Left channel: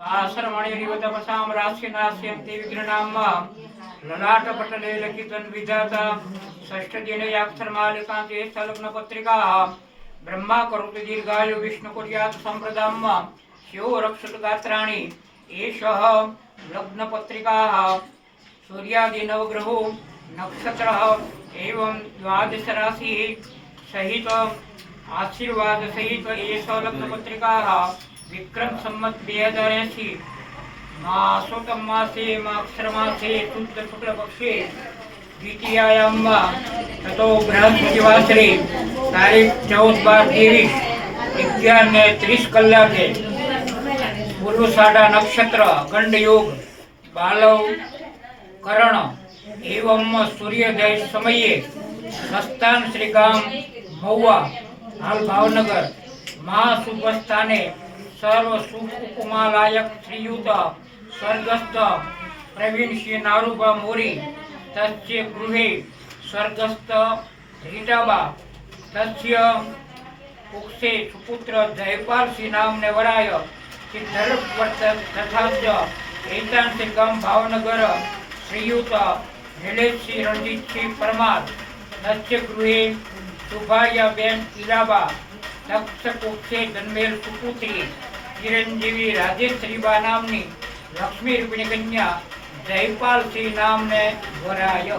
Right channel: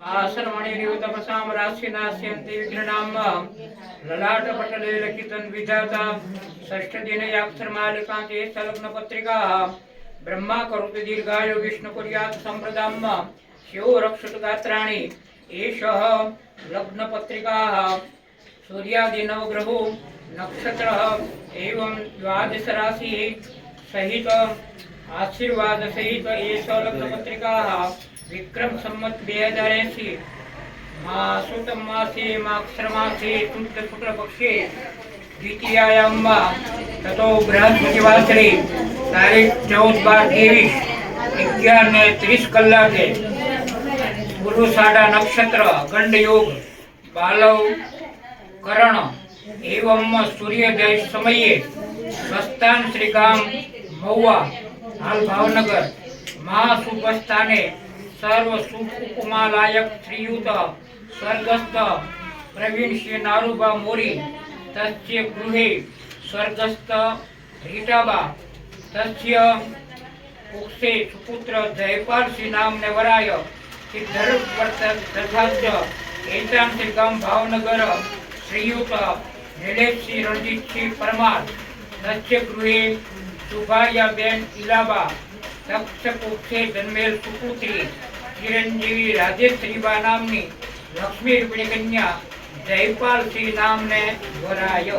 सर्वणिरिवतपसां राशिनास्यन्ति विघ्ननाम ललाटपटले लिखितं विधाता षष्ठदिनयाक्षरमालिकान्ते स्थलग्नपत्रिकाः ब्रह्मा करोति दीर्घायु विष्णुकुर्यात् सम्प्रदाम् शिवो रक्षतु गात्राणि एषः लग्नपत्रिकाः सूर्यादि नवग्रहो नक्षत्रः एवं द्वादश राशिः सहित आशीर्वाद सहित एषः लग्नपत्रिकाः विक्रम संवत 2080 मासोत्तम मासे माक्षर मासे शुद्ध शुक्ल पक्षे द्वितीयायाम ततो बृहस्पतिवासरे तारीख 14/12 11:30 कलाके पूर्वषाढ़ा नक्षत्र गंड योग बालव करण एवं सूर्योदय समये प्रस्थान श्रीगाम महुआ हाल भावनगर महाशुभस्थाने सर्व सुख उपमा लायक श्रीयुत स्वर्गस्थ प्रवीण श्री नारूबा मोरी तस्य गृहे स्वर्गस्थ रीटाबा तस्य कुक्षे सुपुत्र जयपाल श्री नामने वराय सिद्धर्वर्त तथा एतान श्रीगाम भावनगर श्रीयुत नीलेश श्री रणजीत श्री परमार तस्य गृहे सुभाया बेन इलाबा तक्षकुक्षे जन्मेल सुपुत्री चिरंजीवी राजेश्वरीबा नामनी लक्ष्मी रूपिणी कन्या जयपाल श्री नामने वराय।